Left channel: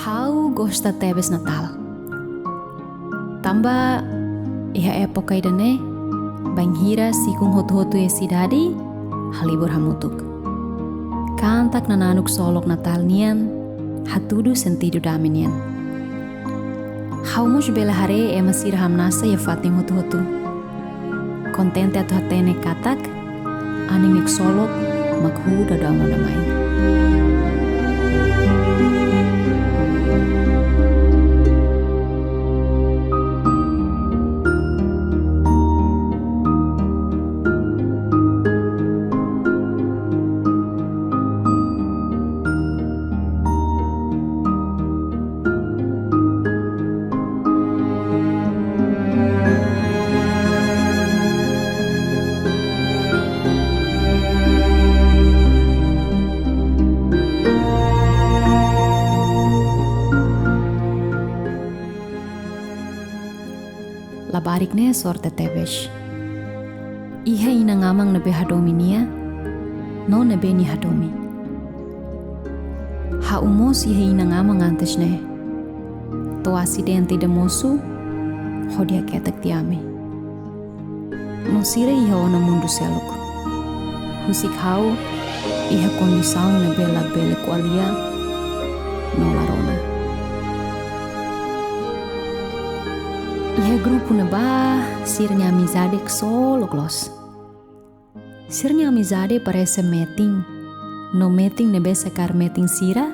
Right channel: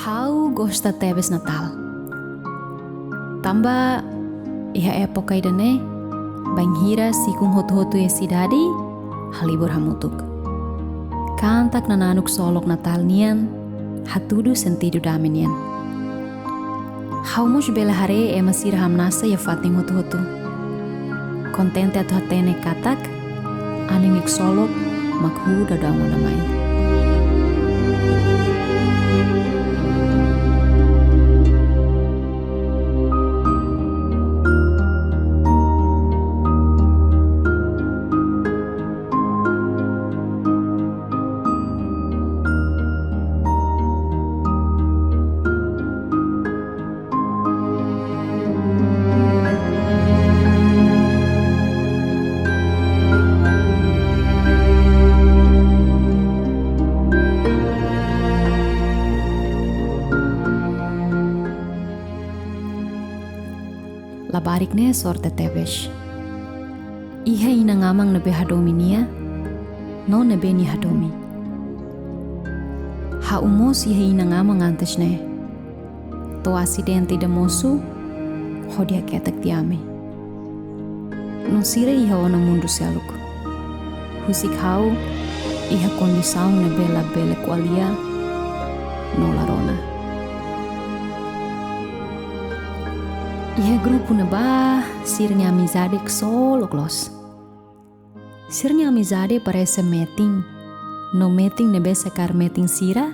Hau gosta tebes Natal. Tanba iha época idane banghira sikung hotu-hotu e sidadi halibur hamutuk. Kantak nananuk solok Natal nian hatudu sentido daminian. Hau mos bela hare ema sira hamnasa ya fating hotu-hotu. Kontente atu hatene katak aning nik solok makhu dadang namai. Labarikne sorte tebes. Iha ina ngamang nebe hadomi nia, no nebe ni hadomi. Ha umos iha ina ngamang antes ne. To asidente de mosu, hodi katak tiame. No sira iha ona mundu seluk. Husik hau, iha kondisau nebe la bele koalia, no la rona. Iha grupo na ba sirnya amizade solo klos. Sirnya amizade parece meeting. No meeting nebe sekar meeting sira,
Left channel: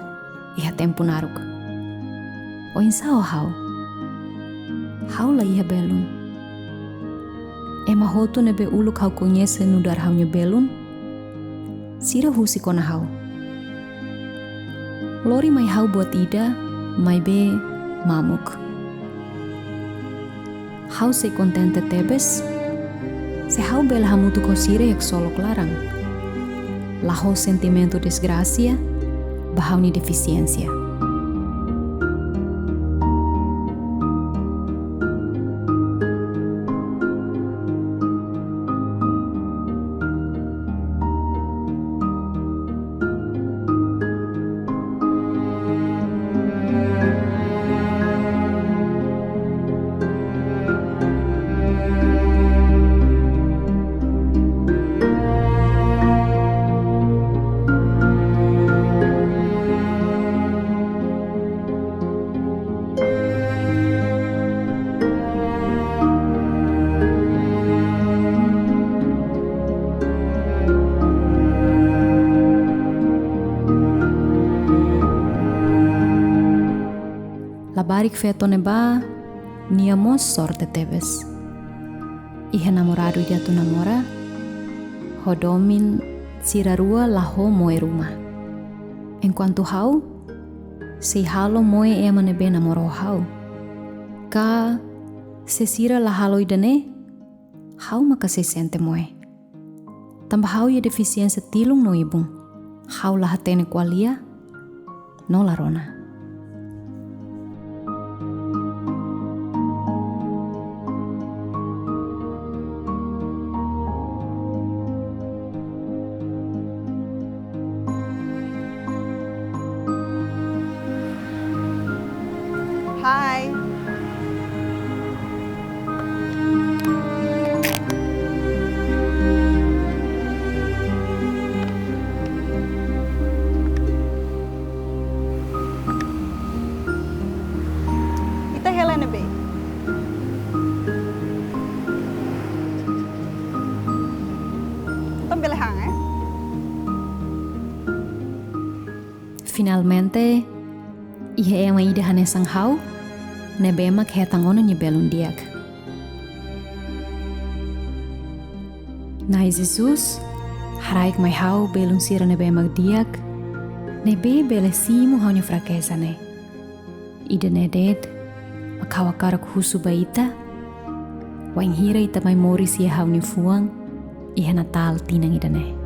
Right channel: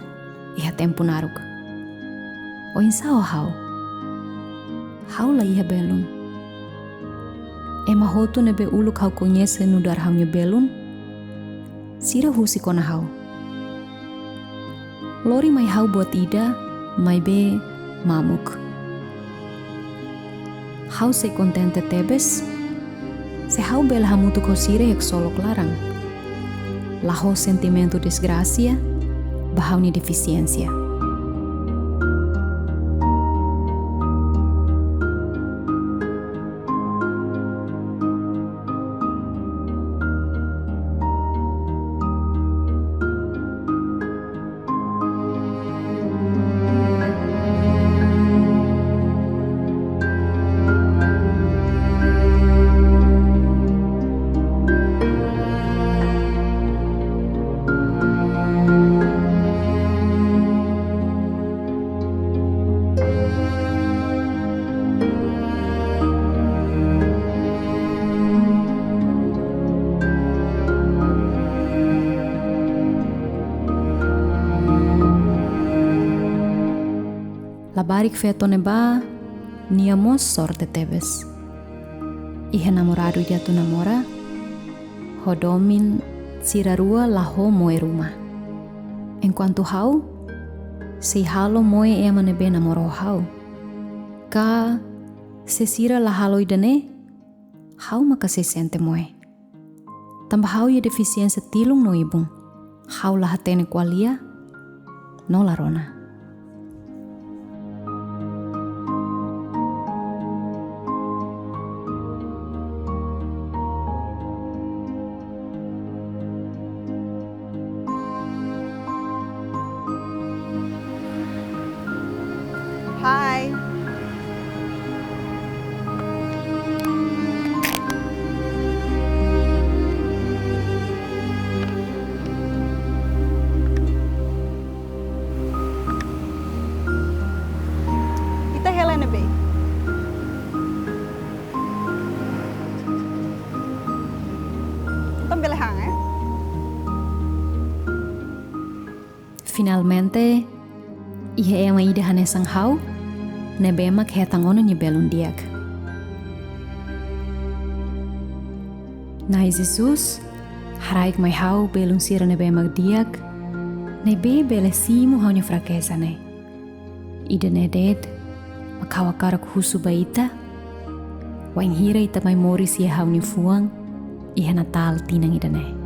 iha tempo naruk. O insao hau. Hau la iha belun. Ema hotu nebe uluk hau conhece nudar haunya belun. Sira husi kona hau. Lori mai hau buat ida, mai be mamuk. Hau se kontente tebes, se hau bela hamutu ko sire yak solok larang. Laho sentimento desgracia, bahau ni deficiencia. Labarik feto neba, niamos sorte tebes. Iha namorado dia tu namora, hodomin sirarua laho moe rumah. Enquanto hau, se halo moe ema nebe namoro hau. Ka se sira la halo idane, hau maka se sente moe. Tambah hau ya defisiensia tilung no ibung, hau la hatene koalia, no la rona. Hai. Ita Helena be. Tom belehang Finalmente, iha ema ida hanesang hau, nebemak hetan ono ni belun diak. Nai Jesus, haraik mai hau belun sira nebemak diak, nebe bele simu hau ni fraqueza ne. Ida neded, makawa karak husu baita, wain hira ita mai moris ia hau ni fuang, iha Natal tinang ida ne.